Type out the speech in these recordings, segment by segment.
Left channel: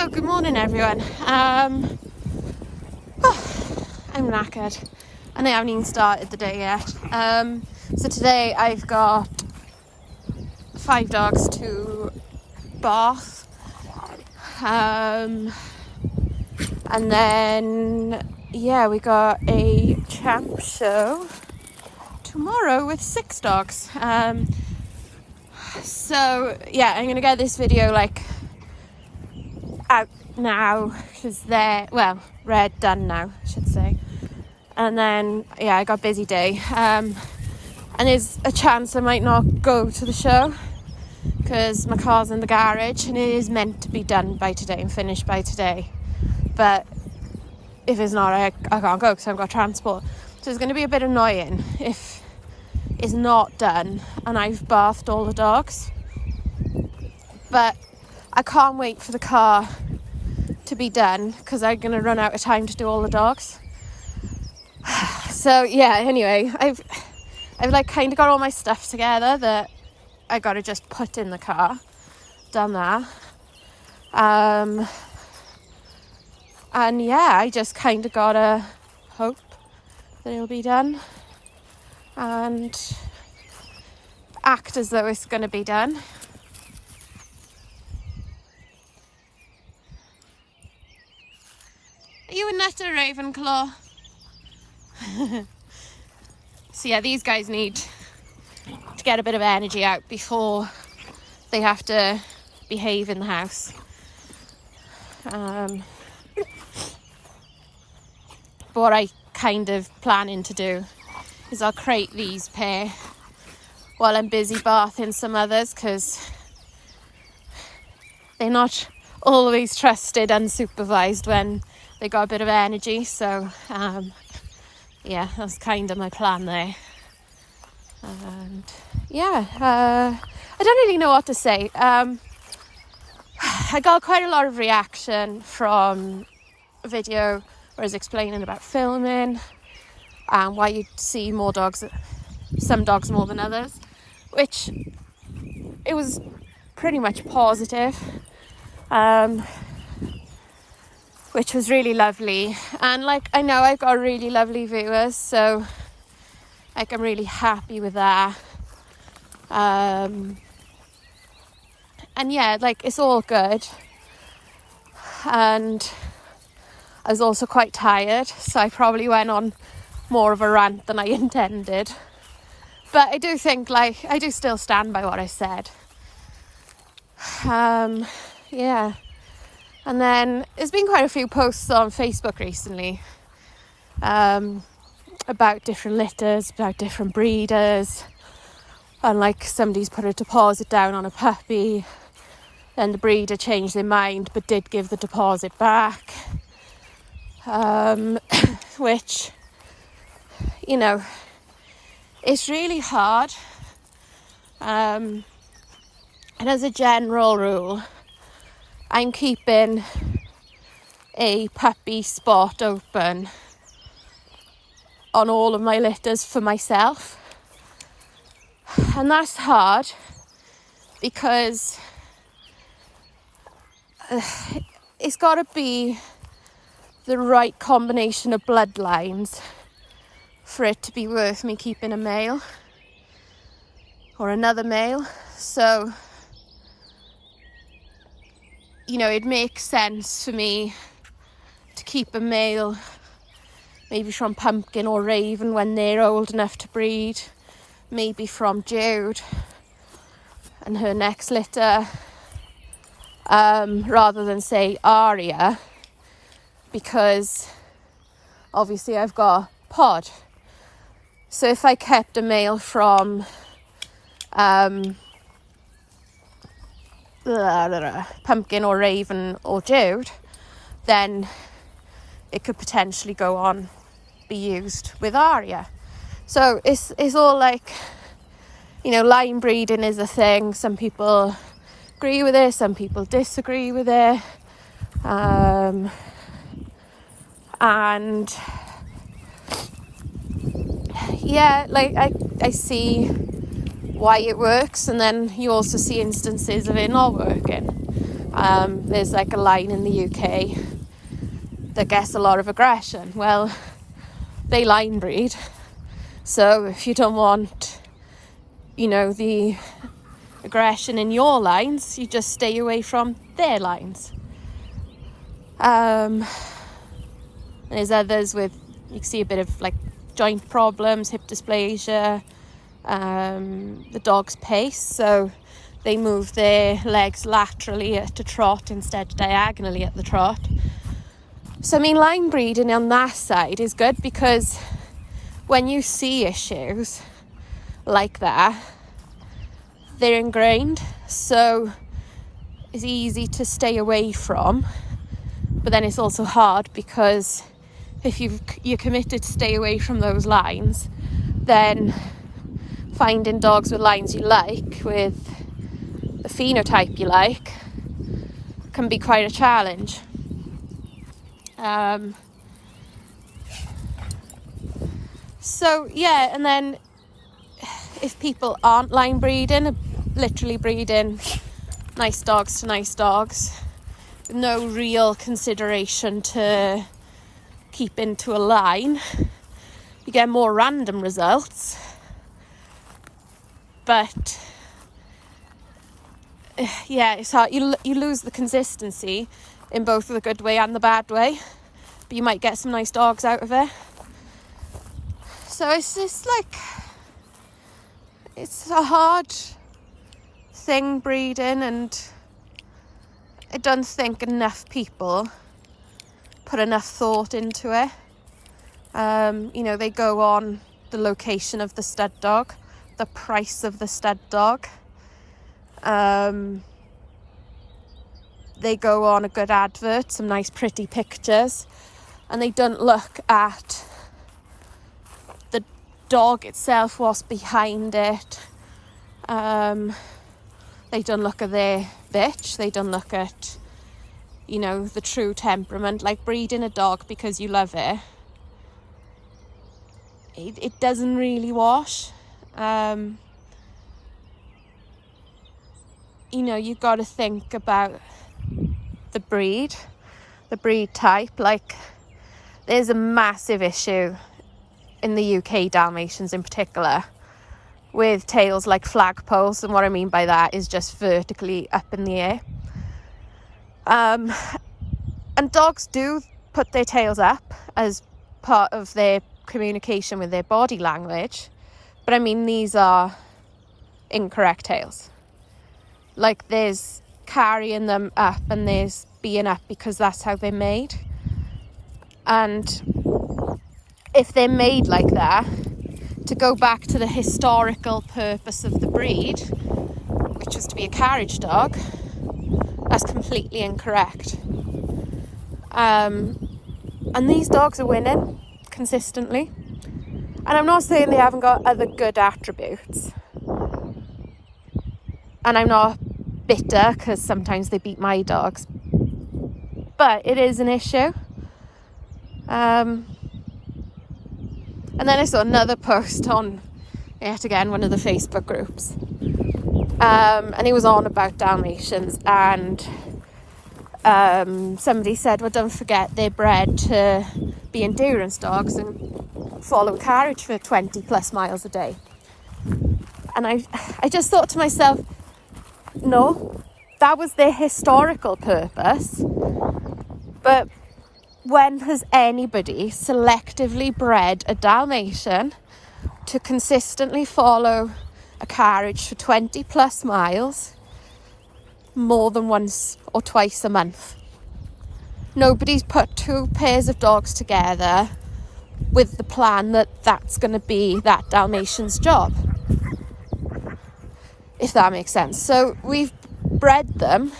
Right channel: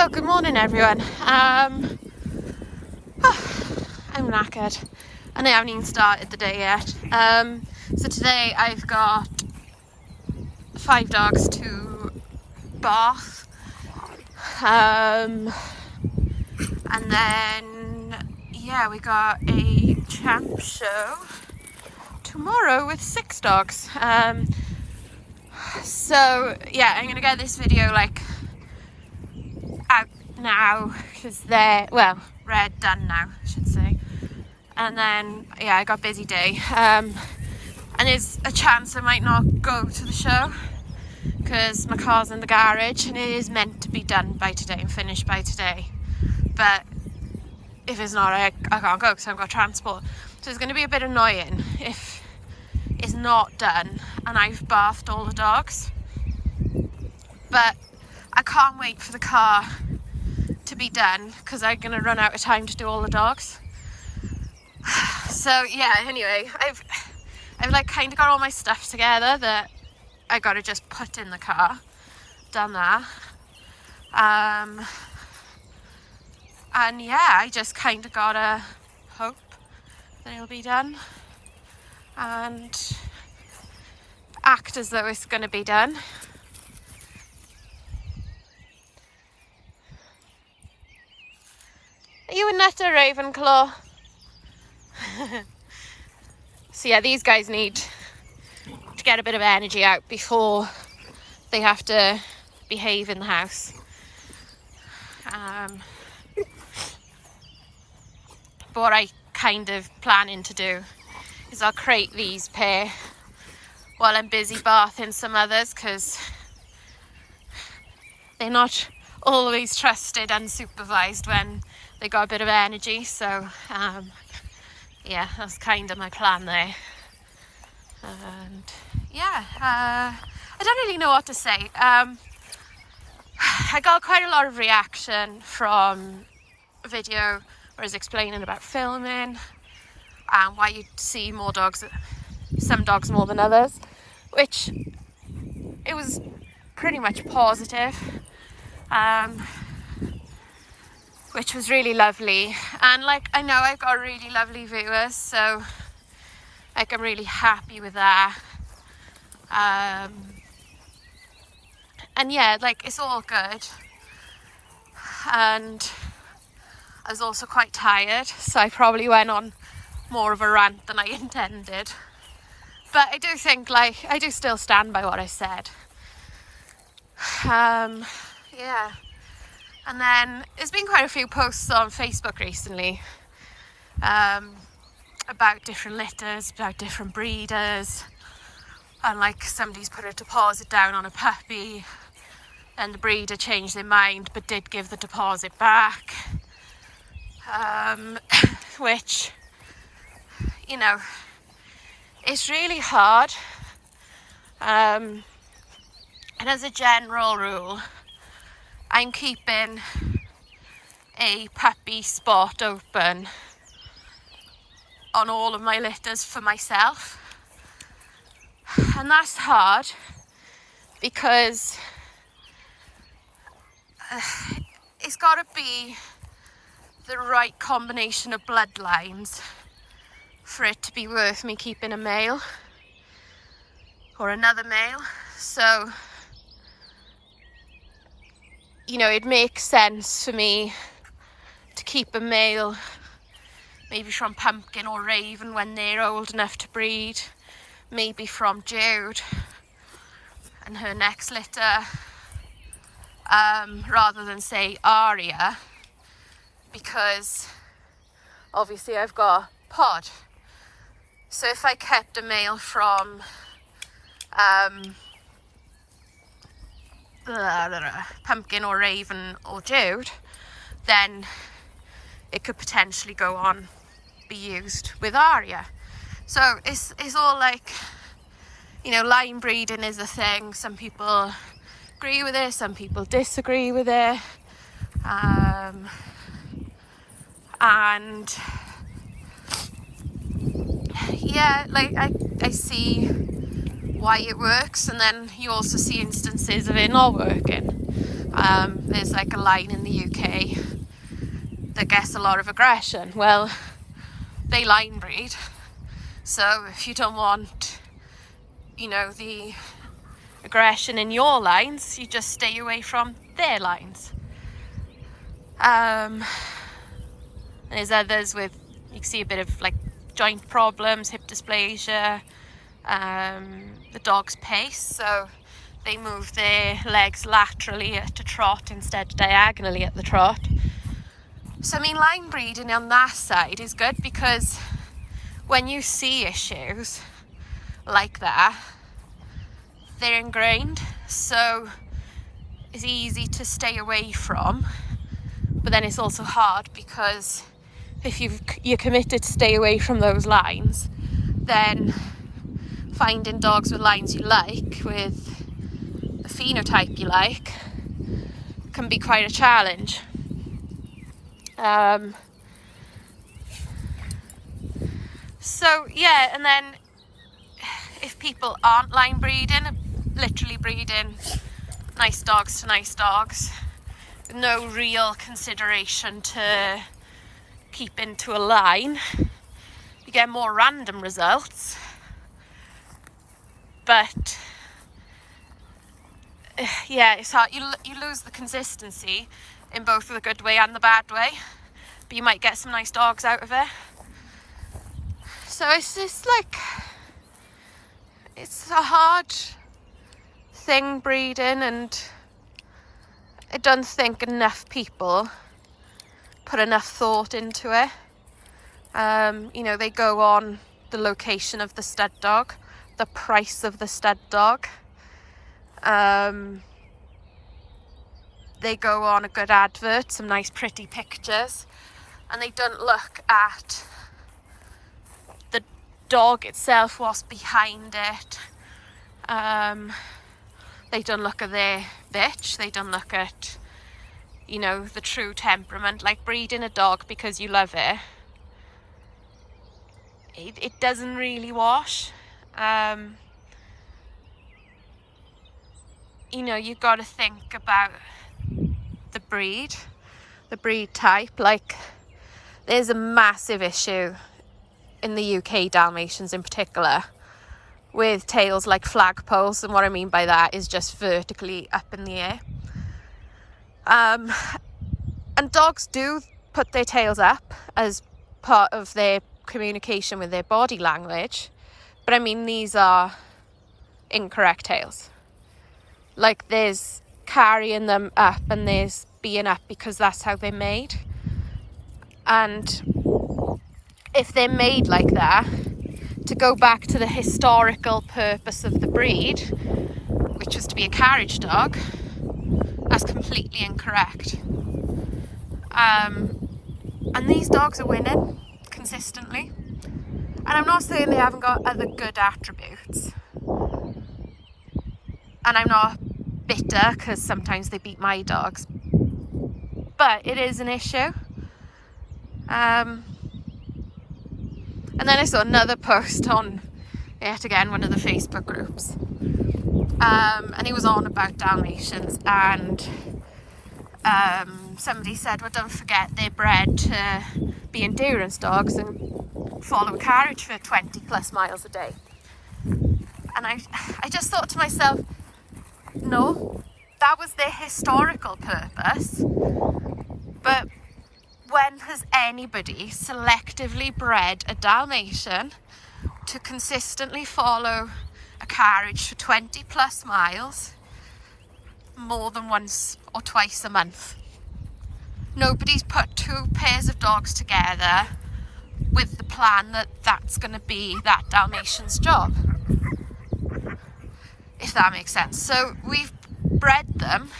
So good morning everyone. I'm knackered and I haven't even started the day yet. So today I've got 5 dogs to bath, and then we got a champ show tomorrow with 6 dogs. So I'm gonna get this video out now because they're done now, I should say. And then I got a busy day, and there's a chance I might not go to the show because my car's in the garage and it is meant to be done by today and finished by today, but if it's not, I can't go because I've got transport. So it's going to be a bit annoying if it's not done and I've bathed all the dogs, but I can't wait for the car to be done because I'm going to run out of time to do all the dogs. So anyway, I've kind of got all my stuff together that I got to just put in the car. Done that. And I just kind of gotta hope that it'll be done and act as though it's going to be done. Are you a nutter, Ravenclaw? So these guys need to get a bit of energy out before they have to behave in the house. But what I kind of planning to do is I'll crate these pair while I'm busy bathing some others because they're not always trusted unsupervised when they got a bit of energy. So that's kind of my plan there. And I don't really know what to say. I got quite a lot of reaction from a video where I was explaining about filming and why you'd see some dogs more than others, which it was pretty much positive, which was really lovely. And I know I've got really lovely viewers, so I'm really happy with that. And it's all good. And I was also quite tired, so I probably went on more of a rant than I intended. But I do think I do still stand by what I said. And then there's been quite a few posts on Facebook recently about different litters, about different breeders, and somebody's put a deposit down on a puppy and the breeder changed their mind but did give the deposit back, which it's really hard, and as a general rule I'm keeping a puppy spot open on all of my litters for myself, and that's hard because it's got to be the right combination of bloodlines for it to be worth me keeping a male or another male. So it makes sense for me to keep a male maybe from Pumpkin or Raven when they're old enough to breed, maybe from Jude and her next litter, rather than say Aria, because obviously I've got Pod. So if I kept a male from Pumpkin or Raven or Jude, then it could potentially go on be used with Aria. So it's all line breeding is a thing. Some people agree with it, some people disagree with it, and I see why it works, and then you also see instances of it not working. There's like a line in the UK that gets a lot of aggression. Well, they line breed, so if you don't want, the aggression in your lines, you just stay away from their lines. There's others with, you can see a bit of like joint problems, hip dysplasia, the dog's pace, so they move their legs laterally at a trot instead of diagonally at the trot. So I mean, line breeding on that side is good, because when you see issues like that, they're ingrained, so it's easy to stay away from. But then it's also hard, because if you're committed to stay away from those lines, then finding dogs with lines you like, with the phenotype you like, can be quite a challenge. So yeah, and then if people aren't line breeding, literally breeding nice dogs to nice dogs, no real consideration to keep into a line, you get more random results. But yeah, it's hard. You lose the consistency in both the good way and the bad way, but you might get some nice dogs out of it. So it's just like, it's a hard thing, breeding, and I don't think enough people put enough thought into it. They go on the location of the stud dog, the price of the stud dog. They go on a good advert, some nice pretty pictures, and they don't look at the dog itself, what's behind it. They don't look at their bitch, they don't look at, the true temperament. Like breeding a dog because you love it, it doesn't really wash. You've got to think about the breed type. Like, there's a massive issue in the UK, Dalmatians in particular, with tails like flagpoles, and what I mean by that is just vertically up in the air. And dogs do put their tails up as part of their communication with their body language, but I mean, these are incorrect tails. Like, there's carrying them up and there's being up because that's how they're made. And if they're made like that, to go back to the historical purpose of the breed, which was to be a carriage dog, that's completely incorrect. And these dogs are winning consistently. And I'm not saying they haven't got other good attributes. And I'm not bitter because sometimes they beat my dogs. But it is an issue. And then I saw another post on, yet again, one of the Facebook groups. And he was on about Dalmatians, and somebody said, well, don't forget they're bred to be endurance dogs and follow a carriage for 20 plus miles a day. And I just thought to myself, no, that was their historical purpose. But when has anybody selectively bred a Dalmatian to consistently follow a carriage for 20 plus miles more than once or twice a month? Nobody's put two pairs of dogs together with the plan that that's going to be that Dalmatian's job, if that makes sense. So we've bred them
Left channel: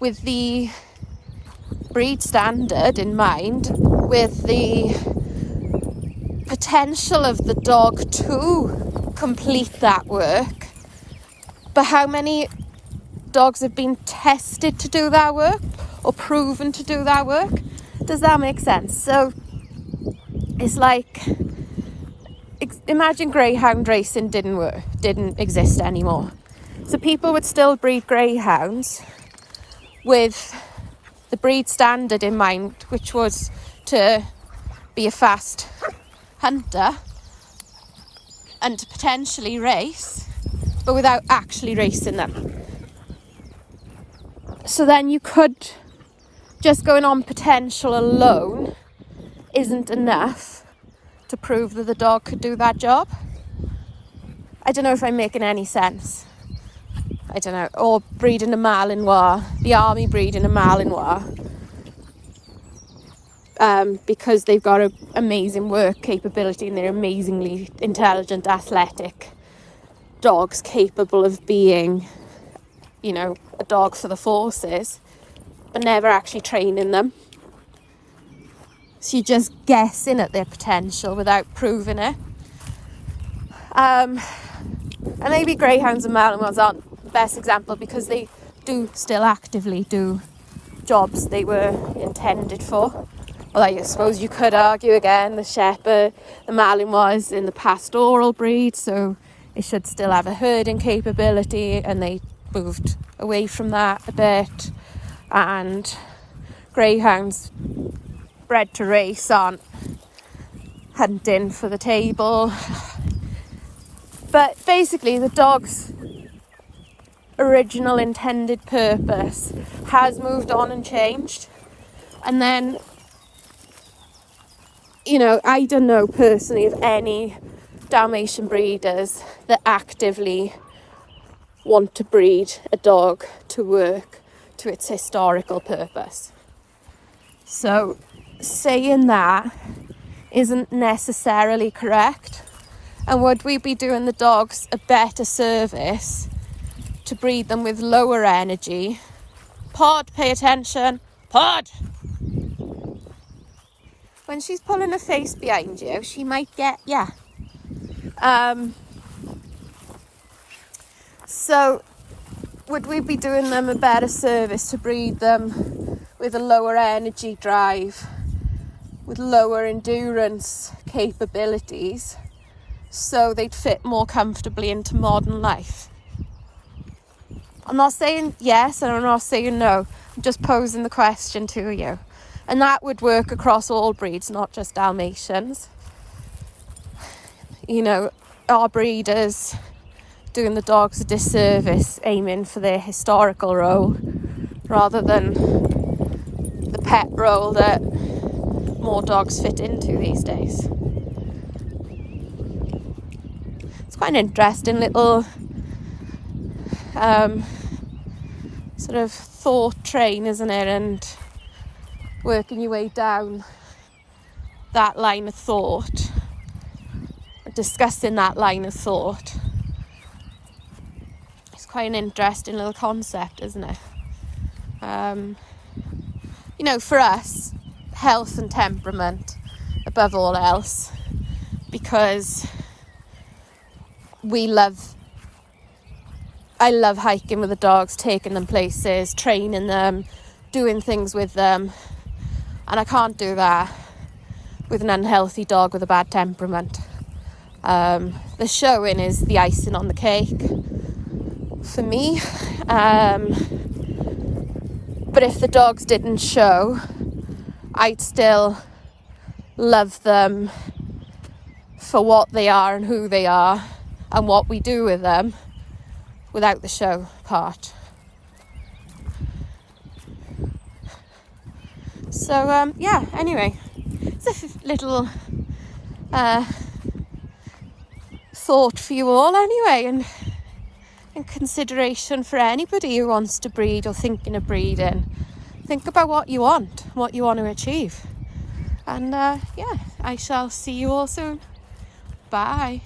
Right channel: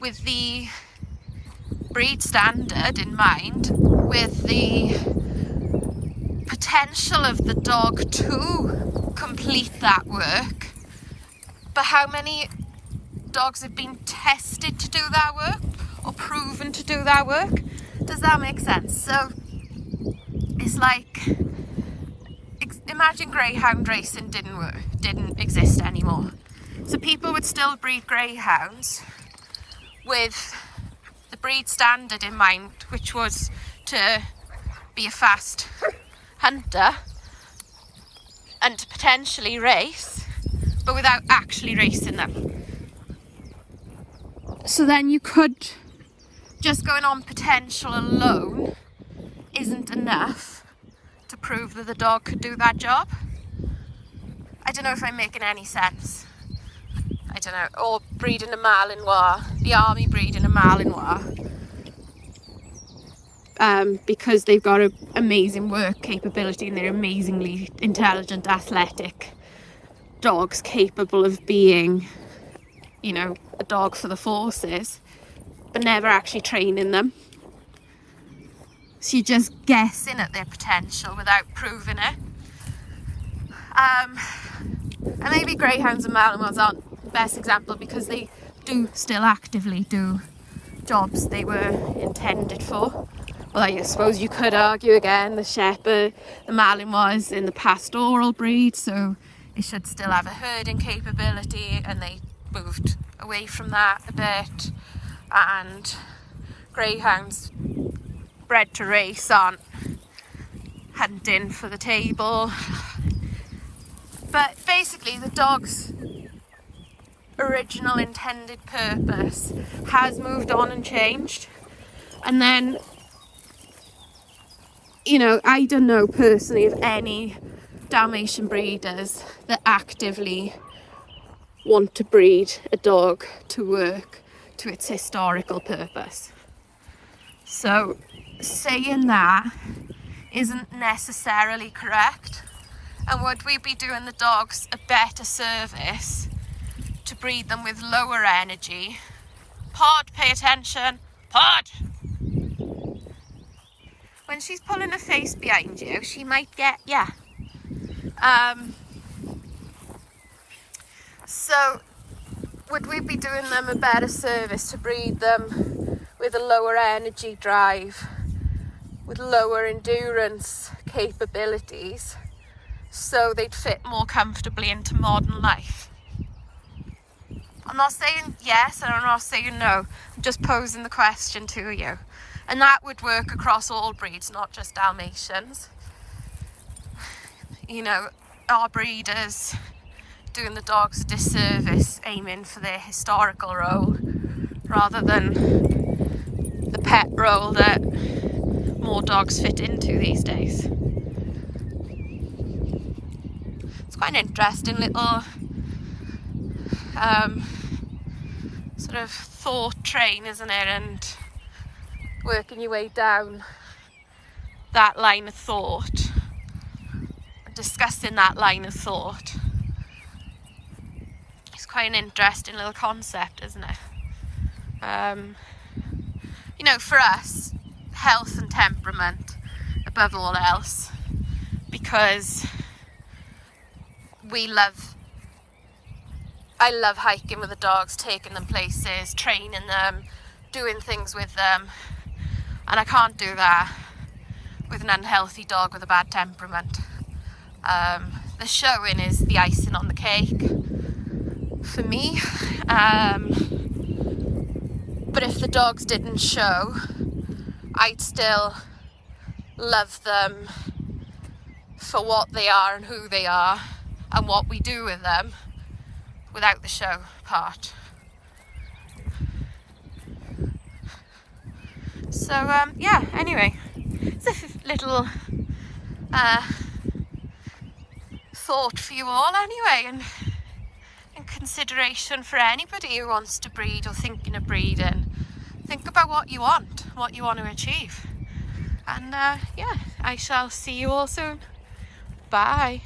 with the breed standard in mind, with the potential of the dog to complete that work. But how many dogs have been tested to do that work or proven to do that work? Does that make sense? So it's like, imagine greyhound racing didn't exist anymore. So people would still breed greyhounds with the breed standard in mind, which was to be a fast hunter and to potentially race, but without actually racing them. So then you could, just going on potential alone isn't enough to prove that the dog could do that job. I don't know if I'm making any sense. I don't know. Or breeding a Malinois, the army breeding a Malinois, because they've got an amazing work capability and they're amazingly intelligent, athletic dogs capable of being, you know, a dog for the forces, but never actually training them. So you're just guessing at their potential without proving it. And maybe greyhounds and Malinois aren't the best example because they do still actively do jobs they were intended for. Well, I suppose you could argue again the shepherd, the Malinois in the pastoral breed, so they should still have a herding capability, and they moved away from that a bit. And greyhounds bred to race aren't hunting for the table. But basically the dog's original intended purpose has moved on and changed. And then, you know, I don't know personally of any Dalmatian breeders that actively want to breed a dog to work to its historical purpose. So saying that isn't necessarily correct. And would we be doing the dogs a better service to breed them with lower energy? Pod, pay attention. Pod! When she's pulling her face behind you, she might get, So would we be doing them a better service to breed them with a lower energy drive, with lower endurance capabilities, so they'd fit more comfortably into modern life? I'm not saying yes and I'm not saying no. I'm just posing the question to you. And that would work across all breeds, not just Dalmatians. You know, our breeders doing the dogs a disservice, aiming for their historical role rather than the pet role that more dogs fit into these days. It's quite an interesting little sort of thought train, isn't it? And working your way down that line of thought, discussing that line of thought. It's quite an interesting little concept, isn't it? You know, for us, health and temperament above all else, because I love hiking with the dogs, taking them places, training them, doing things with them, and I can't do that with an unhealthy dog with a bad temperament. The showing is the icing on the cake for me, but if the dogs didn't show, I'd still love them for what they are and who they are and what we do with them without the show part. So anyway, it's a little thought for you all anyway, and consideration for anybody who wants to breed or thinking of breeding. Think about what you want to achieve. And I shall see you all soon. Bye.